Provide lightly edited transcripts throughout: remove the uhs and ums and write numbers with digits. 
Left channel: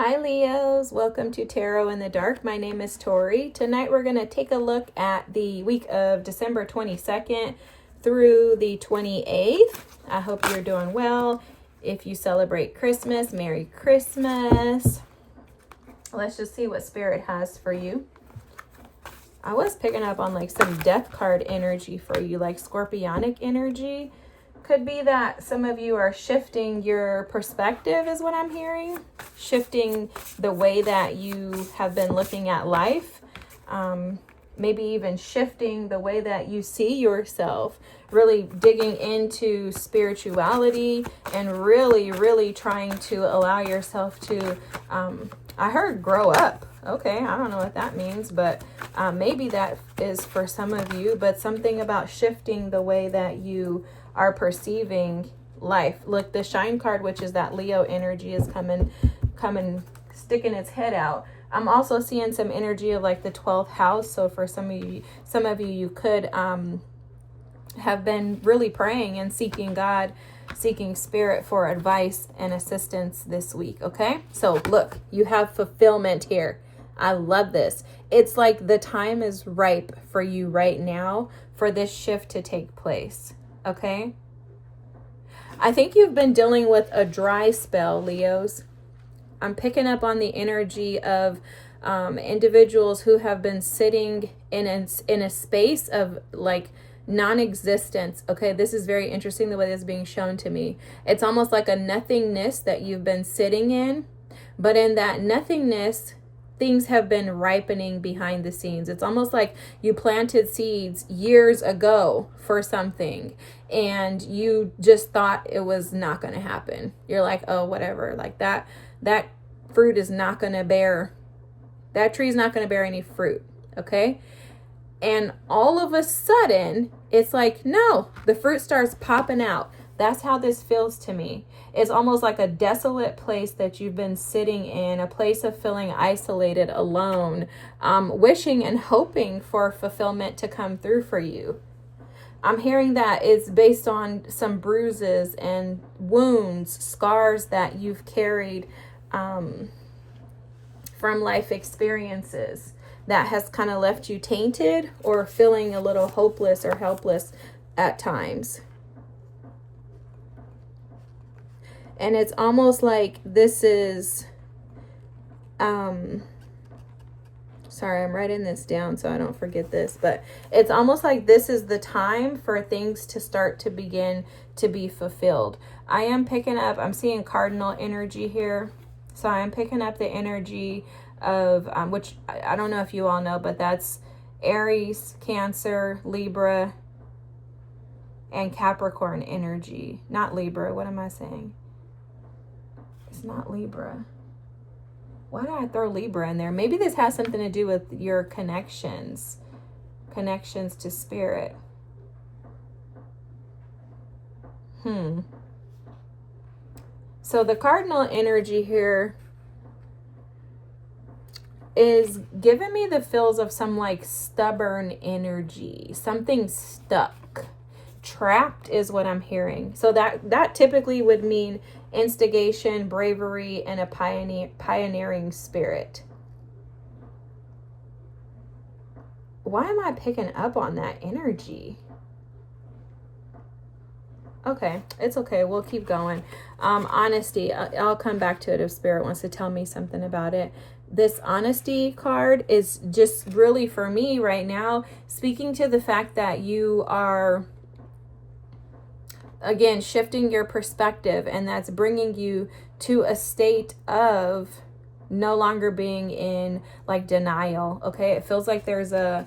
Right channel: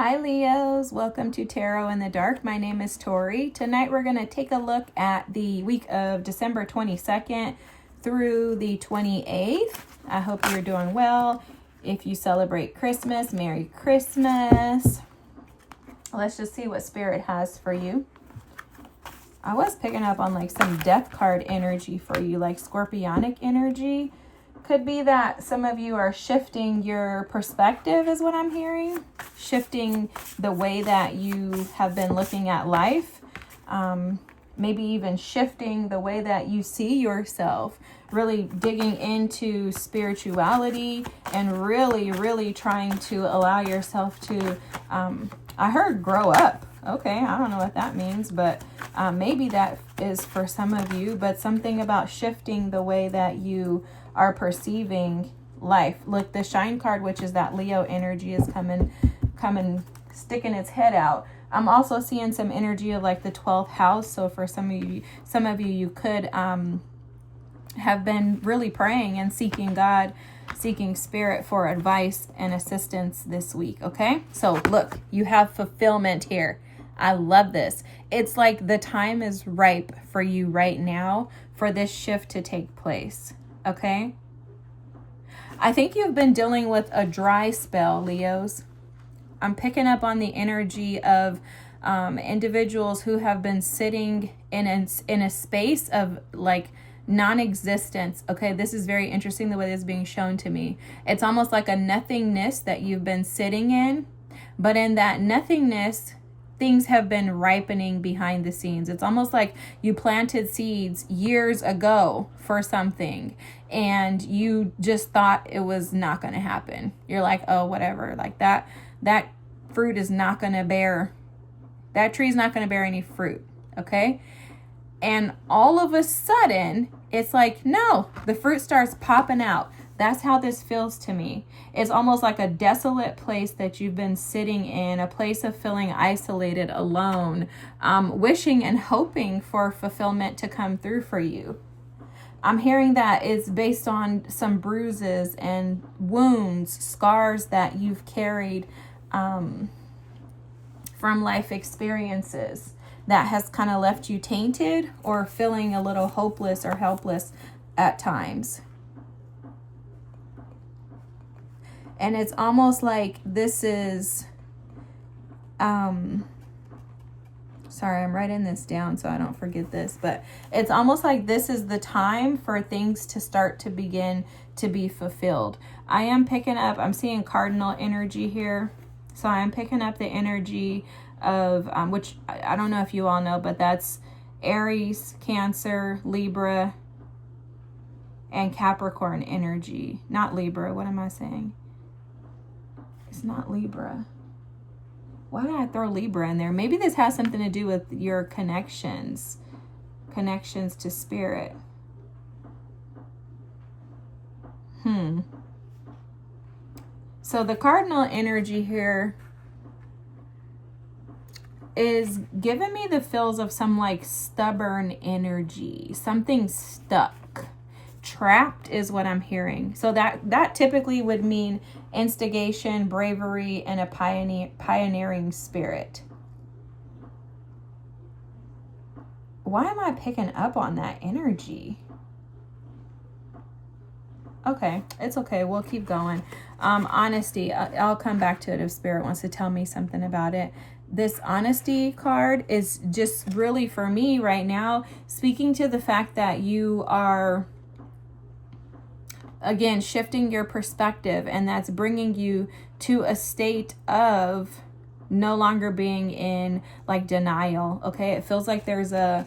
Hi Leos, welcome to Tarot in the Dark. My name is Tori. Tonight we're going to take a look at the week of December 22nd through the 28th. I hope you're doing well. If you celebrate Christmas, Merry Christmas. Let's just see what Spirit has for you. I was picking up on like some death card energy for you, like scorpionic energy. Could be that some of you are shifting your perspective is what I'm hearing. Shifting the way that you have been looking at life. Maybe even shifting the way that you see yourself. Really digging into spirituality and really trying to allow yourself to, I heard grow up. Okay, I don't know what that means, but maybe that is for some of you, but something about shifting the way that you are perceiving life. Look, the shine card, which is that Leo energy, is coming, sticking its head out. I'm also seeing some energy of like the 12th house. So for some of you could have been really praying and seeking God, seeking Spirit for advice and assistance this week. Okay, so look, you have fulfillment here. I love this. It's like the time is ripe for you right now for this shift to take place. Okay, I think you've been dealing with a dry spell, Leos. I'm picking up on the energy of individuals who have been sitting in a space of like non-existence. Okay, this is very interesting the way this is being shown to me. It's almost like a nothingness that you've been sitting in, but in that nothingness, things have been ripening behind the scenes. It's almost like you planted seeds years ago for something and you just thought it was not going to happen. You're like, oh, whatever. Like that fruit is not going to bear, that tree is not going to bear any fruit. Okay. And all of a sudden it's like, no, the fruit starts popping out. That's how this feels to me. It's almost like a desolate place that you've been sitting in, a place of feeling isolated, alone, wishing and hoping for fulfillment to come through for you. I'm hearing that it's based on some bruises and wounds, scars that you've carried from life experiences that has kind of left you tainted or feeling a little hopeless or helpless at times. And it's almost like this is, sorry, I'm writing this down so I don't forget this, but it's almost like this is the time for things to start to begin to be fulfilled. I am picking up, I'm seeing cardinal energy here. So I'm picking up the energy of, which I don't know if you all know, but that's Aries, Cancer, Libra, and Capricorn energy. Not Libra, what am I saying? It's not Libra. Why did I throw Libra in there? Maybe this has something to do with your connections to Spirit. So the cardinal energy here is giving me the feels of some like stubborn energy, something stuck. Trapped is what I'm hearing. So that typically would mean instigation, bravery, and a pioneering spirit. Why am I picking up on that energy? Okay, it's okay. We'll keep going. Honesty. I'll come back to it if Spirit wants to tell me something about it. This honesty card is just really for me right now, speaking to the fact that you are, again, shifting your perspective, and that's bringing you to a state of no longer being in like denial. Okay, it feels like there's a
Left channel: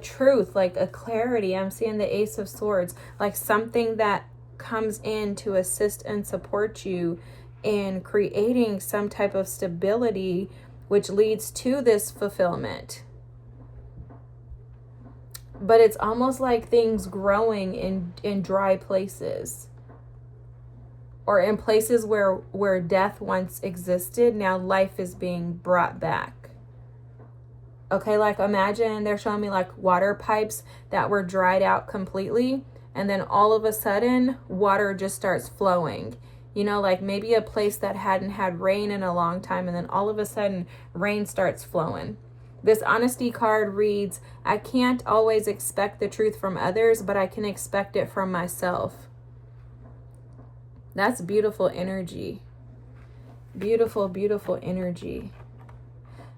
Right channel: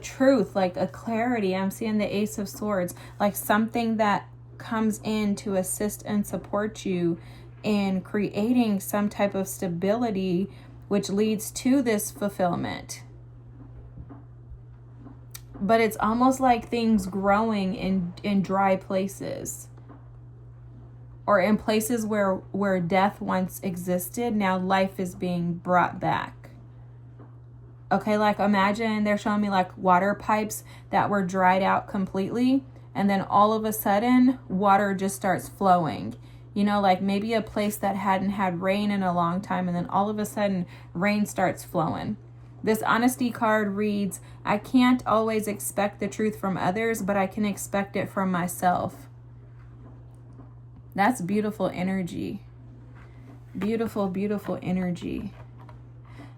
truth, like a clarity. I'm seeing the Ace of Swords, like something that comes in to assist and support you in creating some type of stability, which leads to this fulfillment. But it's almost like things growing in dry places, or in places where death once existed. Now life is being brought back. Okay, like imagine they're showing me like water pipes that were dried out completely, and then all of a sudden water just starts flowing. You know, like maybe a place that hadn't had rain in a long time, and then all of a sudden rain starts flowing. This honesty card reads, I can't always expect the truth from others, but I can expect it from myself. That's beautiful energy. Beautiful, beautiful energy.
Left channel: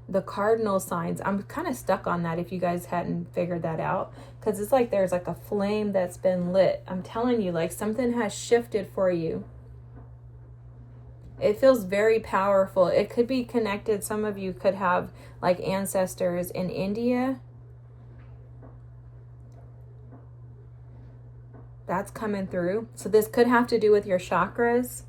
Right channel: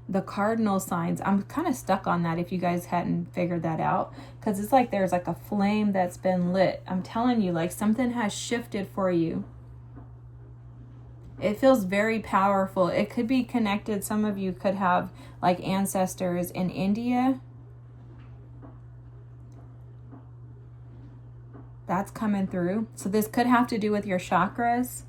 The cardinal signs, I'm kind of stuck on that if you guys hadn't figured that out, because it's like there's like a flame that's been lit. I'm telling you, like something has shifted for you. It feels very powerful. It could be connected. Some of you could have like ancestors in India. That's coming through. So this could have to do with your chakras.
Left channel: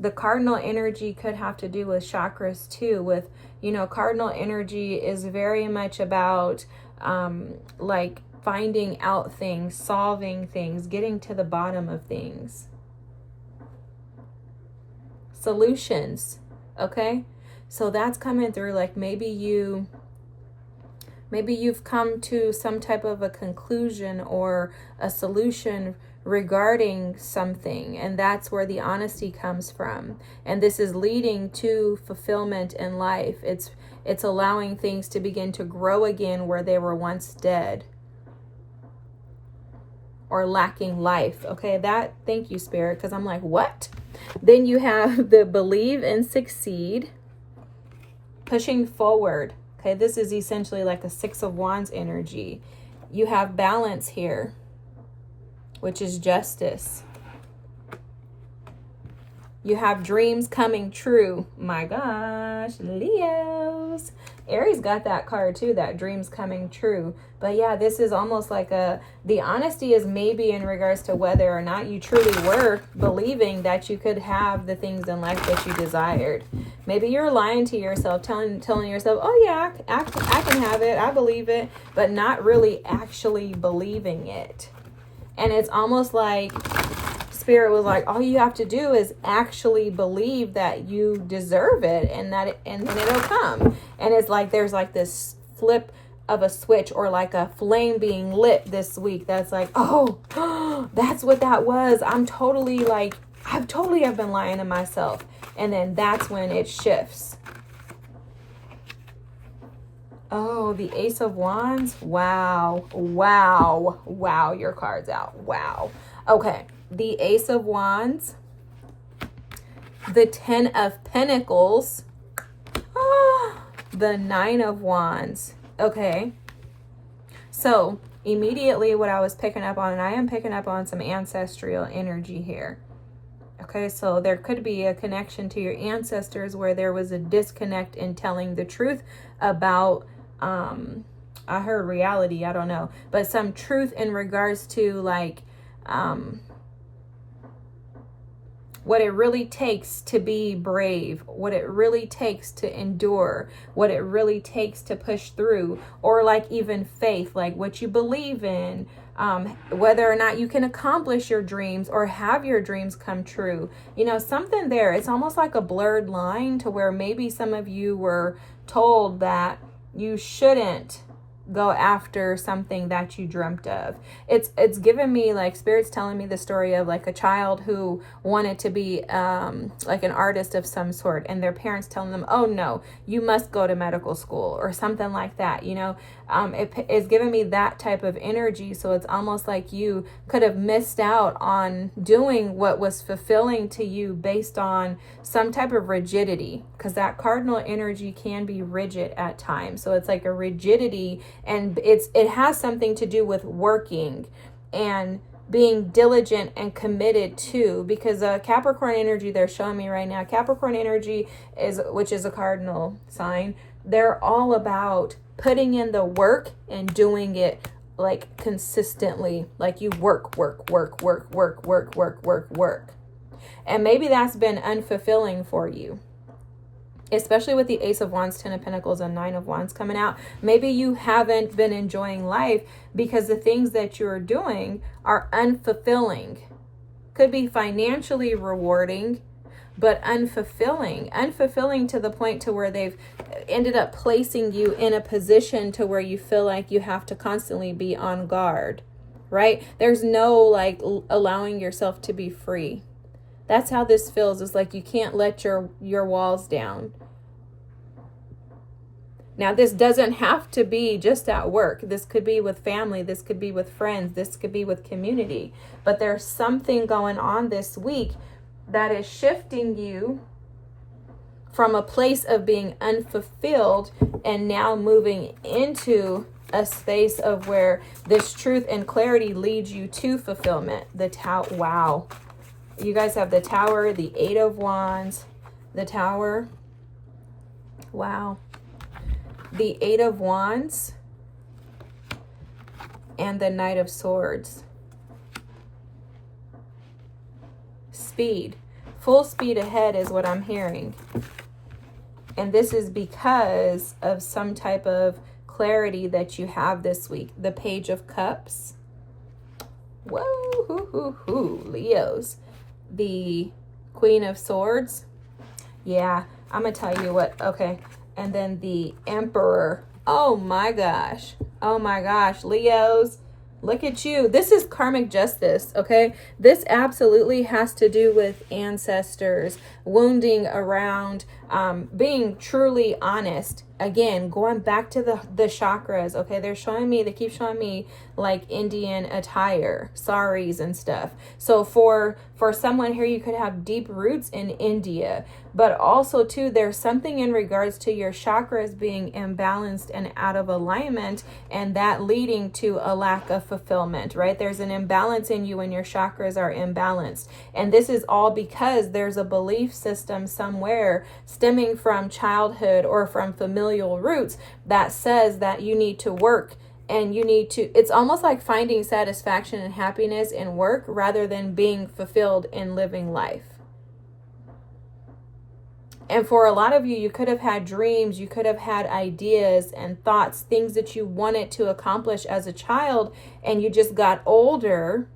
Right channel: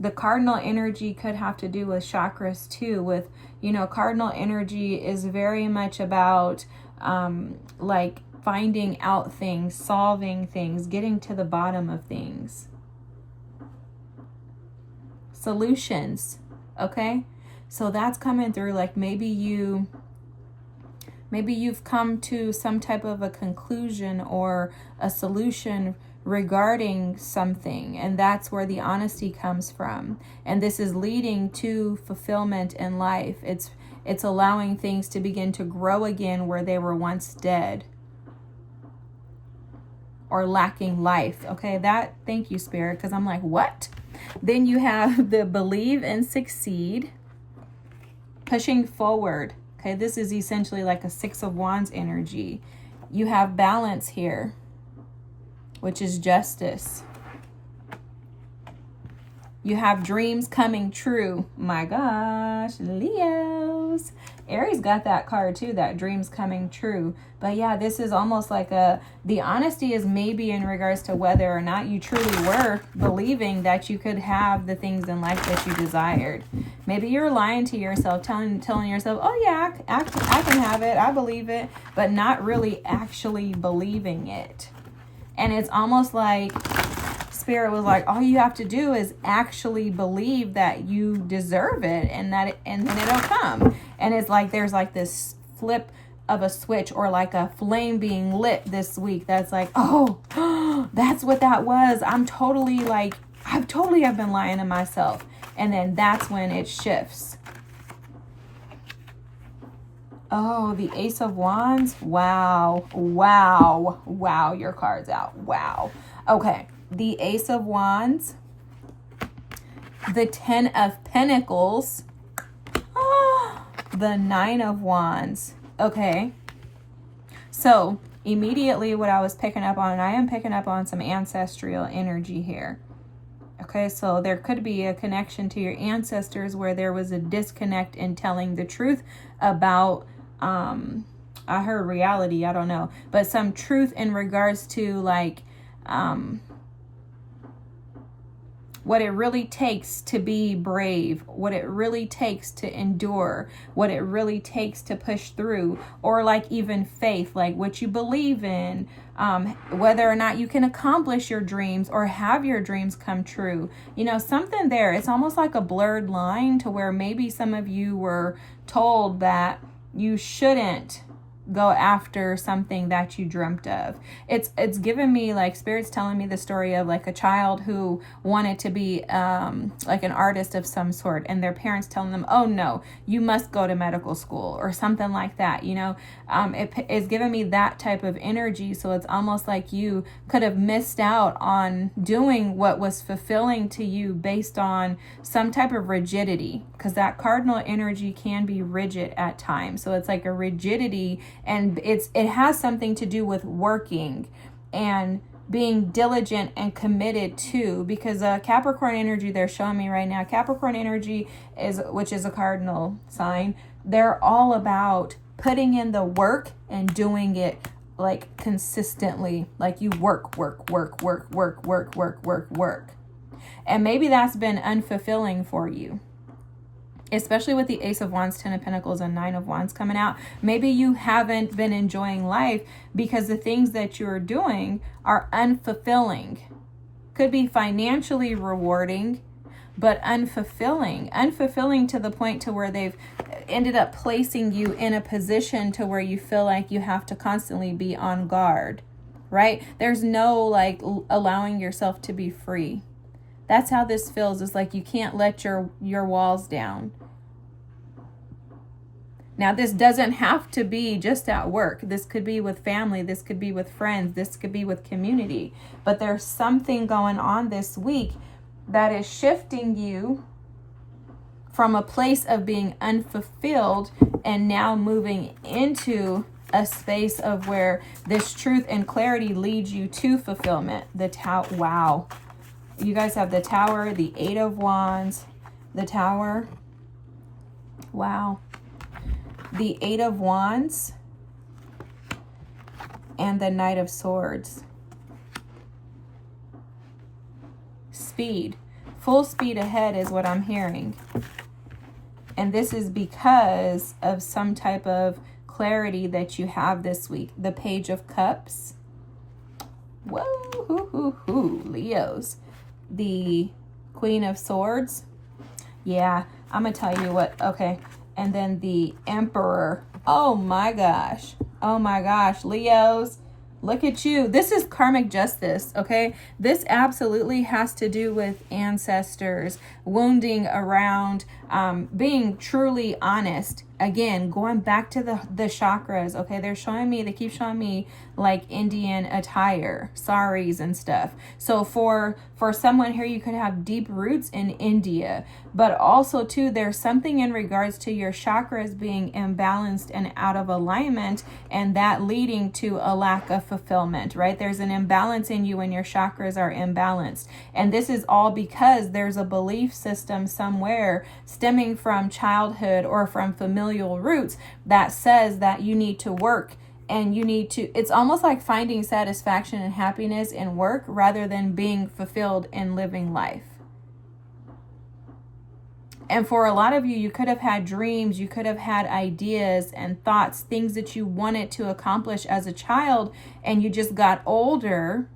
The cardinal energy could have to do with chakras too. With, you know, cardinal energy is very much about like finding out things, solving things, getting to the bottom of things. Solutions, okay? So that's coming through. Like maybe you've come to some type of a conclusion or a solution regarding something, and that's where the honesty comes from. And this is leading to fulfillment in life. It's allowing things to begin to grow again where they were once dead or lacking life. Okay, thank you, Spirit, because I'm like, what? Then you have the believe and succeed, pushing forward. Okay, this is essentially like a 6 of Wands energy. You have balance here, which is justice. You have dreams coming true. My gosh, Leos. Aries got that card too, that dreams coming true. But yeah, this is almost like the honesty is maybe in regards to whether or not you truly were believing that you could have the things in life that you desired. Maybe you're lying to yourself, telling yourself, oh yeah, I can have it, I believe it, but not really actually believing it. And it's almost like Spirit was like, all you have to do is actually believe that you deserve it, and then it'll come. And it's like there's like this flip of a switch, or like a flame being lit this week that's like, oh, that's what that was. I've totally been lying to myself. And then that's when it shifts. Oh, the Ace of Wands. Wow. Your card's out. Wow. Okay. The Ace of Wands. The 10 of Pentacles. The 9 of Wands. Okay. So immediately what I was picking up on, and I am picking up on some ancestral energy here. Okay, so there could be a connection to your ancestors where there was a disconnect in telling the truth about, I heard reality, I don't know, but some truth in regards to like, what it really takes to be brave, what it really takes to endure, what it really takes to push through, or like even faith, like what you believe in, whether or not you can accomplish your dreams or have your dreams come true. You know, something there. It's almost like a blurred line to where maybe some of you were told that you shouldn't go after something that you dreamt of. It's given me, like, Spirit's telling me the story of like a child who wanted to be like an artist of some sort, and their parents telling them, oh no, you must go to medical school or something like that. You know, it's given me that type of energy. So it's almost like you could have missed out on doing what was fulfilling to you based on some type of rigidity, because that cardinal energy can be rigid at times. So it's like a rigidity, and it has something to do with working and being diligent and committed to, because Capricorn energy they're showing me right now, Capricorn energy which is a cardinal sign, they're all about putting in the work and doing it like consistently, like you work. And maybe that's been unfulfilling for you, especially with the Ace of Wands, 10 of Pentacles, and 9 of Wands coming out. Maybe you haven't been enjoying life because the things that you're doing are unfulfilling. Could be financially rewarding, but unfulfilling to the point to where they've ended up placing you in a position to where you feel like you have to constantly be on guard, right? There's no like allowing yourself to be free. That's how this feels. It's like you can't let your walls down. Now, this doesn't have to be just at work. This could be with family. This could be with friends. This could be with community. But there's something going on this week that is shifting you from a place of being unfulfilled and now moving into a space of where this truth and clarity leads you to fulfillment. The Tower. Wow. You guys have the Tower, the Eight of Wands, the Tower. Wow. The Eight of Wands and the Knight of Swords. Speed. Full speed ahead is what I'm hearing. And this is because of some type of clarity that you have this week. The Page of Cups. Whoa, Leos. The Queen of Swords. Yeah, I'm going to tell you what. Okay. And then the Emperor. Oh my gosh. Oh my gosh. Leos, look at you. This is karmic justice, okay? This absolutely has to do with ancestors, wounding around, being truly honest. Again, going back to the chakras, okay? They keep showing me like Indian attire, saris and stuff. So for someone here, you could have deep roots in India, but also too, there's something in regards to your chakras being imbalanced and out of alignment, and that leading to a lack of fulfillment, right? There's an imbalance in you when your chakras are imbalanced. And this is all because there's a belief system somewhere stemming from childhood or from familial roots that says that you need to work and it's almost like finding satisfaction and happiness in work rather than being fulfilled in living life. And for a lot of you, you could have had dreams, you could have had ideas and thoughts, things that you wanted to accomplish as a child, and you just got older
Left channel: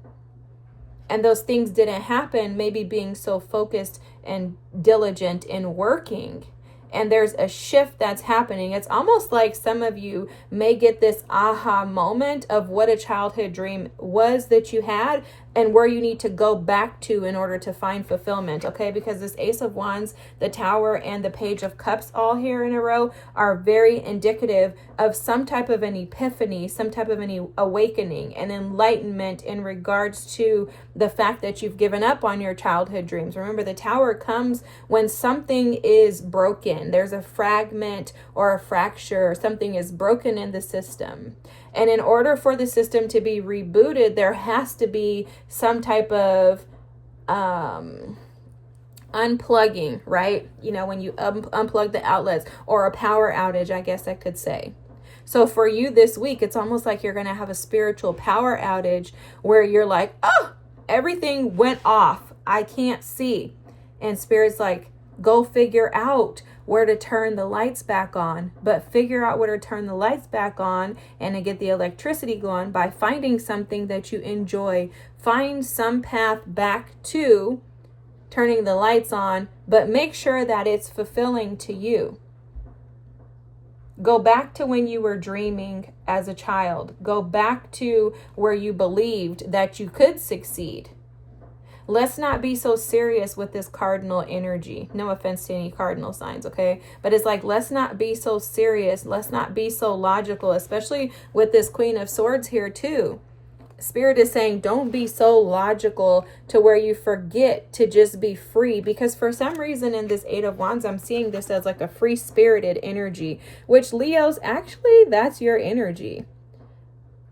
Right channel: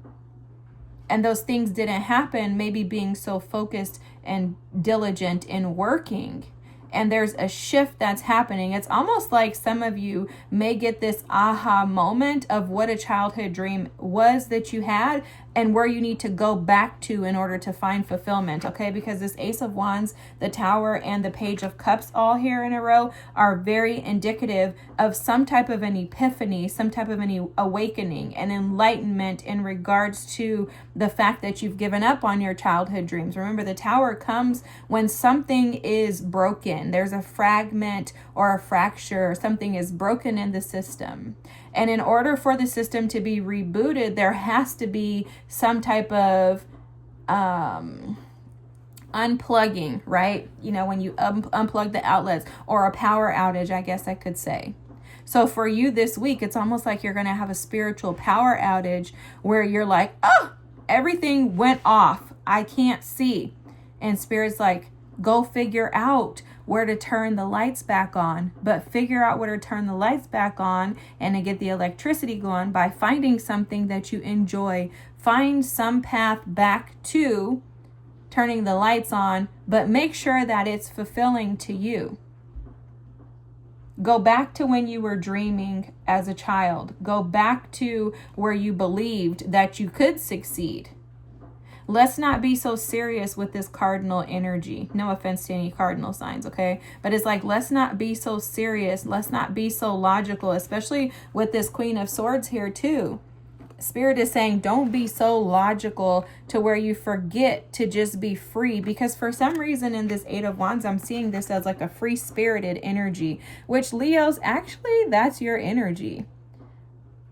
and those things didn't happen, maybe being so focused and diligent in working. And there's a shift that's happening. It's almost like some of you may get this aha moment of what a childhood dream was that you had and where you need to go back to in order to find fulfillment, okay? Because this Ace of Wands, the Tower, and the Page of Cups all here in a row are very indicative of some type of an epiphany, some type of an awakening, an enlightenment in regards to the fact that you've given up on your childhood dreams. Remember, the Tower comes when something is broken. There's a fragment or a fracture, or something is broken in the system. And in order for the system to be rebooted, there has to be some type of unplugging, right? You know, when you unplug the outlets, or a power outage, I guess I could say. So for you this week, it's almost like you're going to have a spiritual power outage where you're like, oh, everything went off. I can't see. And Spirit's like, go figure out where to turn the lights back on, but figure out where to turn the lights back on and to get the electricity going by finding something that you enjoy. Find some path back to turning the lights on, but make sure that it's fulfilling to you. Go back to when you were dreaming as a child. Go back to where you believed that you could succeed. Let's not be so serious with this cardinal energy. No offense to any cardinal signs, okay? But it's like, let's not be so serious. Let's not be so logical, especially with this Queen of Swords here too. Spirit is saying, don't be so logical to where you forget to just be free. Because for some reason in this Eight of Wands, I'm seeing this as like a free-spirited energy, which Leos, actually, that's your energy.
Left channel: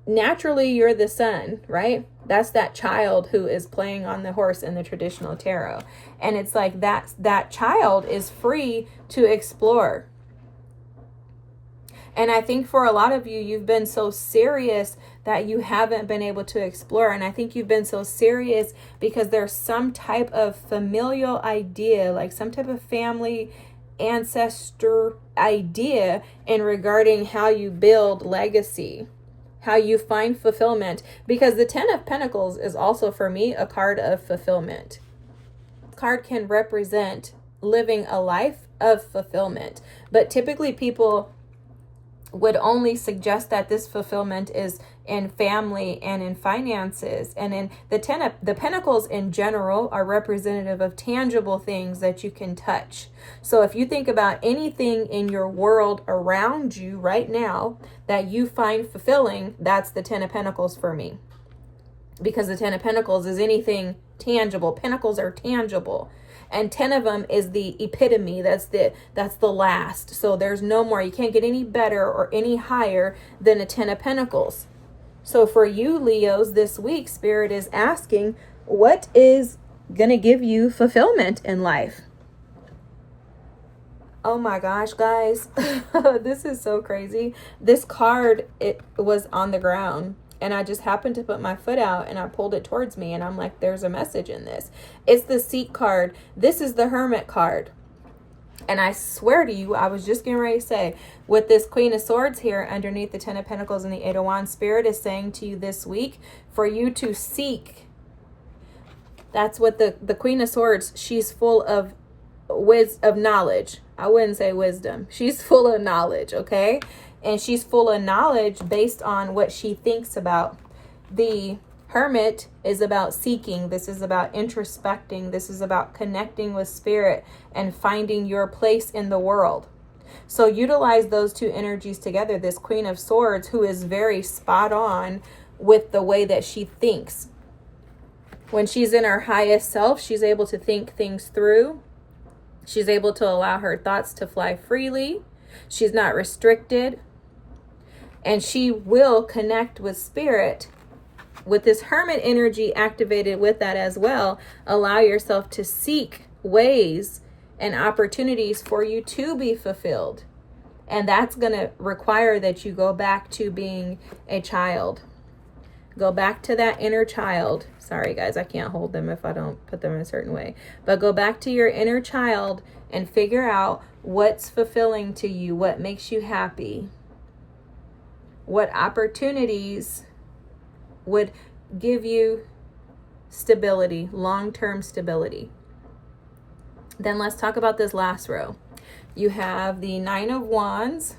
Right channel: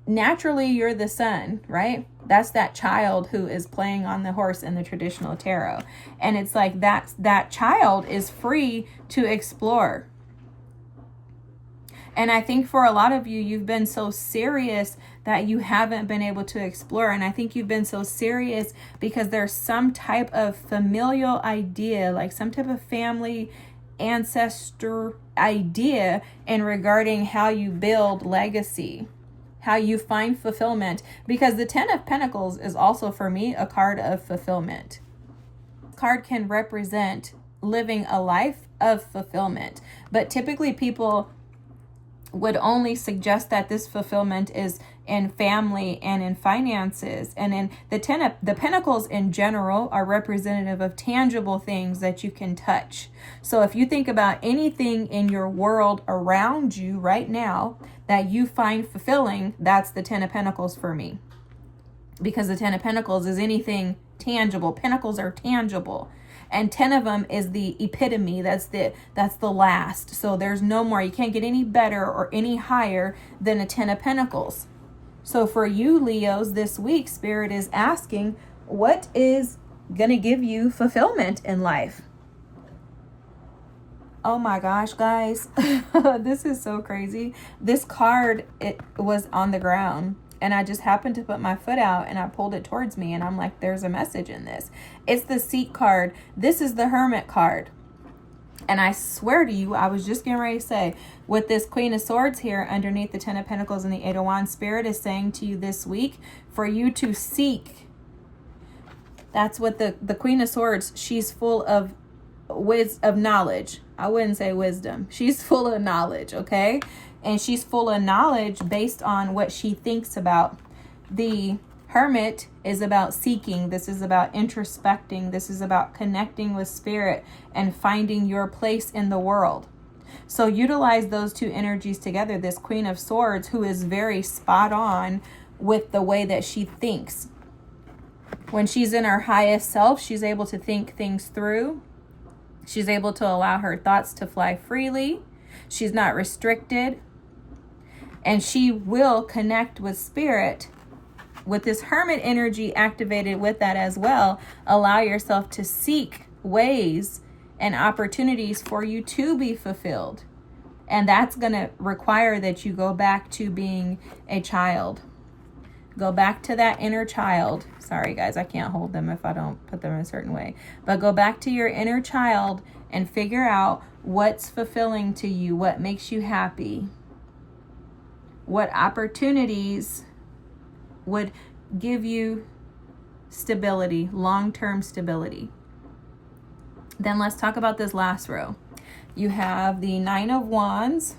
Naturally, you're the sun, right? That's that child who is playing on the horse in the traditional tarot. And it's like that child is free to explore. And I think for a lot of you, you've been so serious that you haven't been able to explore. And I think you've been so serious because there's some type of familial idea, like some type of family ancestor idea in regarding how you build legacy, how you find fulfillment. Because the Ten of Pentacles is also, for me, a card of fulfillment. This card can represent living a life of fulfillment. But typically people would only suggest that this fulfillment is in family and in finances. And in the pentacles in general are representative of tangible things that you can touch. So if you think about anything in your world around you right now that you find fulfilling, that's the 10 of Pentacles for me. Because the 10 of Pentacles is anything tangible. Pentacles are tangible. And 10 of them is the epitome. That's the last. So there's no more. You can't get any better or any higher than a 10 of Pentacles. So for you, Leos, this week, Spirit is asking, what is going to give you fulfillment in life? Oh my gosh, guys. This is so crazy. This card, it was on the ground. And I just happened to put my foot out and I pulled it towards me. And I'm like, there's a message in this. It's the Seek card. This is the Hermit card. And I swear to you, I was just getting ready to say, with this Queen of Swords here underneath the 10 of Pentacles and the 8 of Wands, Spirit is saying to you this week for you to seek. That's what the Queen of Swords, she's full of knowledge. I wouldn't say wisdom. She's full of knowledge, okay? And she's full of knowledge based on what she thinks about. The Hermit is about seeking. This is about introspecting. This is about connecting with Spirit and finding your place in the world. So utilize those two energies together. This Queen of Swords, who is very spot on with the way that she thinks. When she's in her highest self, she's able to think things through. She's able to allow her thoughts to fly freely. She's not restricted. And she will connect with Spirit. With this Hermit energy activated with that as well, allow yourself to seek ways and opportunities for you to be fulfilled. And that's going to require that you go back to being a child. Go back to that inner child. Sorry, guys, I can't hold them if I don't put them in a certain way. But go back to your inner child and figure out what's fulfilling to you, what makes you happy, what opportunities would give you stability, long-term stability. Then let's talk about this last row. You have the 9 of Wands.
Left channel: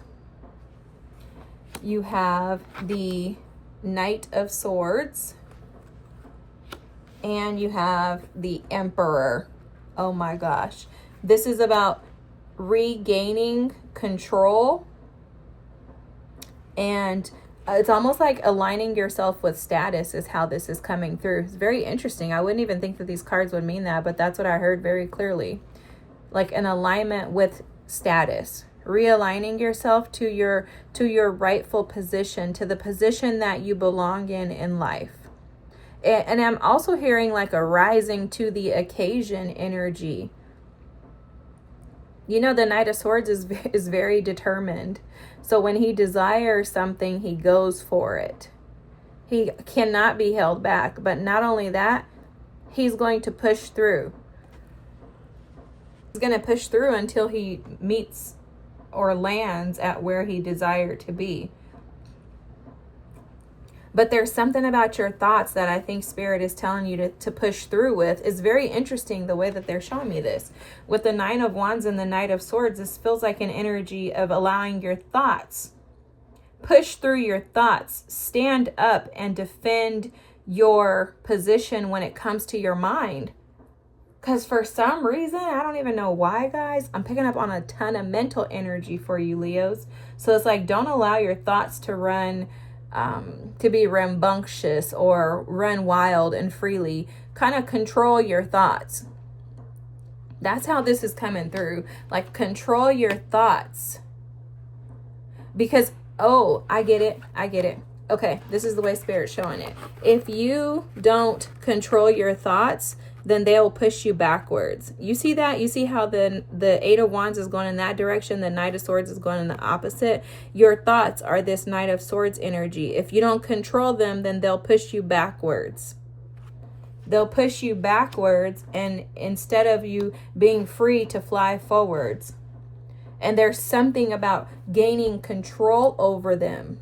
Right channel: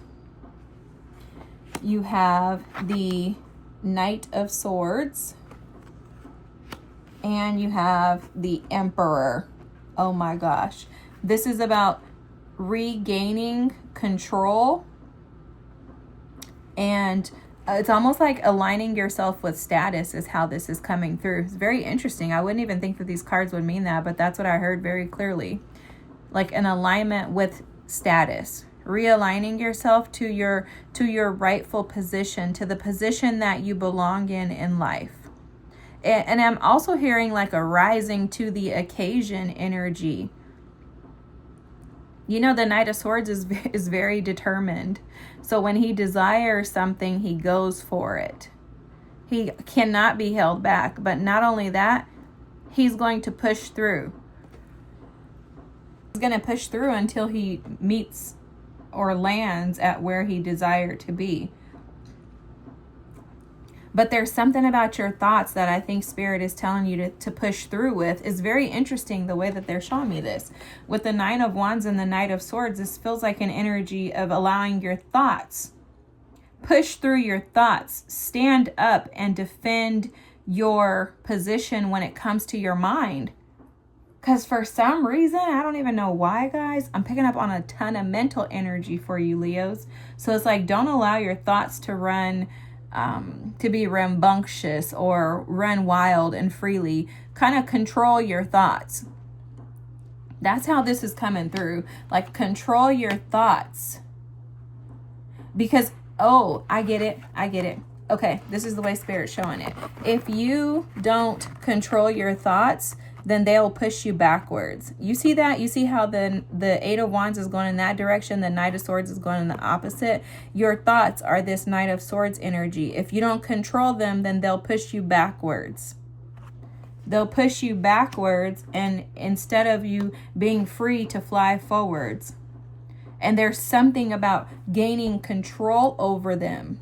You have the Knight of Swords. And you have the Emperor. Oh my gosh. This is about regaining control. And it's almost like aligning yourself with status is how this is coming through. It's very interesting. I wouldn't even think that these cards would mean that, but that's what I heard very clearly. Like an alignment with status. Realigning yourself to your rightful position, to the position that you belong in life. And I'm also hearing like a rising to the occasion energy. You know, the Knight of Swords is very determined. So when he desires something, he goes for it. He cannot be held back. But not only that, he's going to push through. He's going to push through until he meets or lands at where he desired to be. But there's something about your thoughts that I think Spirit is telling you to push through with. It's very interesting the way that they're showing me this. With the 9 of Wands and the Knight of Swords, this feels like an energy of allowing your thoughts. Push through your thoughts. Stand up and defend your position when it comes to your mind. Because for some reason, I don't even know why, guys, I'm picking up on a ton of mental energy for you, Leos. So it's like, don't allow your thoughts to run... to be rambunctious or run wild and freely. Kind of control your thoughts. That's how this is coming through. Like, control your thoughts. Because, oh, I get it. Okay, this is the way Spirit's showing it. If you don't control your thoughts, then they'll push you backwards. You see that? You see how the 8 of Wands is going in that direction, the Knight of Swords is going in the opposite? Your thoughts are this Knight of Swords energy. If you don't control them, then they'll push you backwards. They'll push you backwards, and instead of you being free to fly forwards. And there's something about gaining control over them.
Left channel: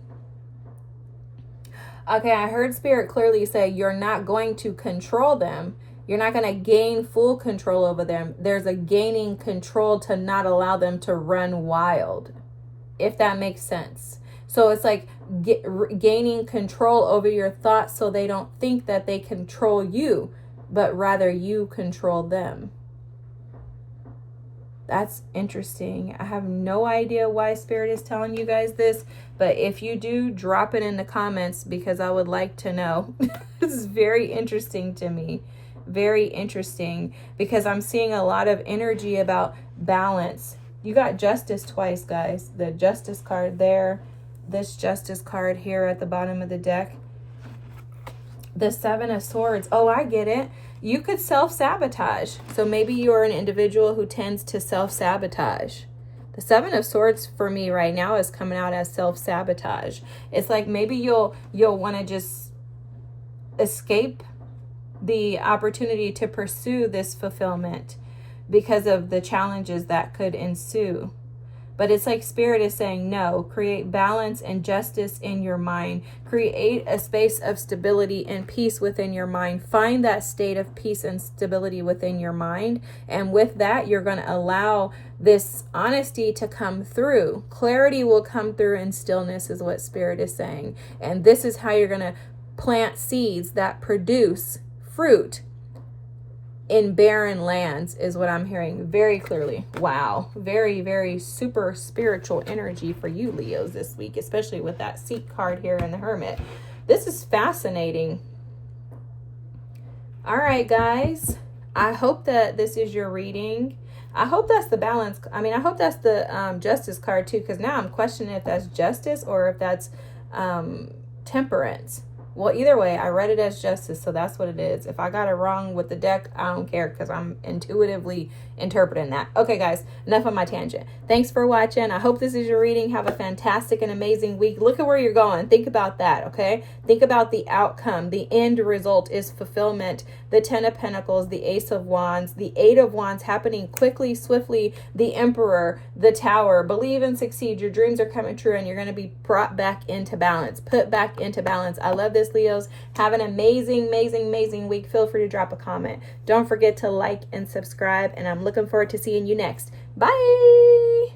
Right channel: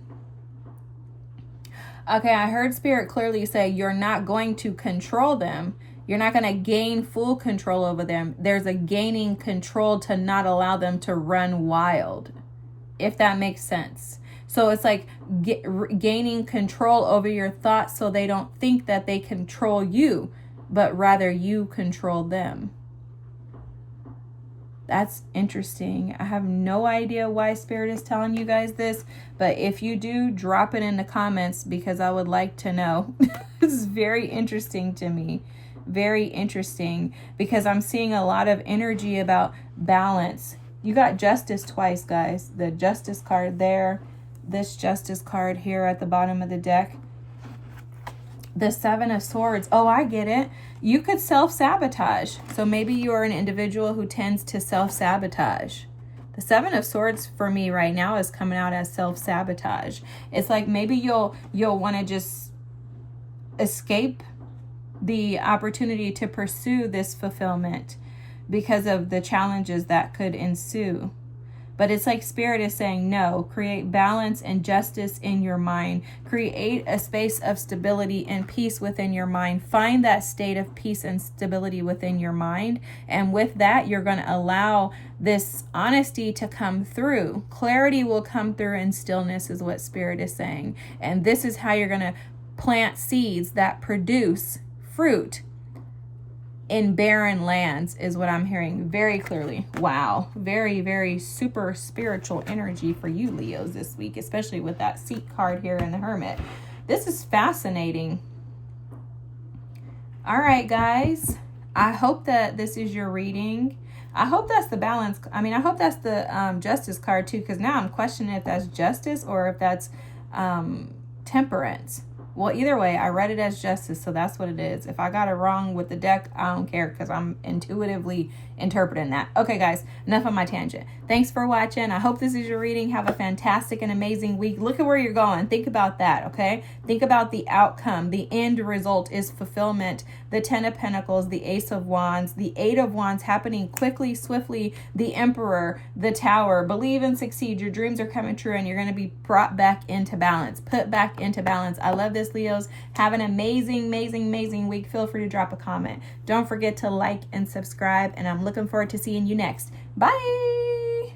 Okay, I heard Spirit clearly say you're not going to control them. You're not going to gain full control over them. There's a gaining control to not allow them to run wild, if that makes sense. So it's like gaining control over your thoughts so they don't think that they control you, but rather you control them. That's interesting. I have no idea why Spirit is telling you guys this, but if you do, drop it in the comments because I would like to know. This is very interesting to me. Very interesting because I'm seeing a lot of energy about balance. You got Justice twice, guys. The Justice card there. This Justice card here at the bottom of the deck. The Seven of Swords. Oh, I get it. You could self-sabotage. So maybe you're an individual who tends to self-sabotage. The Seven of Swords for me right now is coming out as self-sabotage. It's like maybe you'll want to just escape the opportunity to pursue this fulfillment because of the challenges that could ensue. But it's like Spirit is saying, no, create balance and justice in your mind. Create a space of stability and peace within your mind. Find that state of peace and stability within your mind. And with that, you're going to allow this honesty to come through. Clarity will come through in stillness is what Spirit is saying. And this is how you're going to plant seeds that produce fruit in barren lands is what I'm hearing very clearly. Wow. Very, very super spiritual energy for you, Leos, this week, especially with that Seek card here in the Hermit. This is fascinating. All right, guys. I hope that this is your reading. I hope that's the balance. I mean, I hope that's the Justice card too, because now I'm questioning if that's justice or if that's temperance. Well, either way, I read it as justice, so that's what it is. If I got it wrong with the deck, I don't care because I'm intuitively interpreting that. Okay, guys, enough of my tangent. Thanks for watching. I hope this is your reading. Have a fantastic and amazing week. Look at where you're going. Think about that, okay? Think about the outcome. The end result is fulfillment. The Ten of Pentacles, the Ace of Wands, the Eight of Wands happening quickly, swiftly, the Emperor, the Tower. Believe and succeed. Your dreams are coming true and you're going to be brought back into balance. Put back into balance. I love this, Leos. Have an amazing, amazing, amazing week. Feel free to drop a comment. Don't forget to like and subscribe, and I'm looking forward to seeing you next. Bye.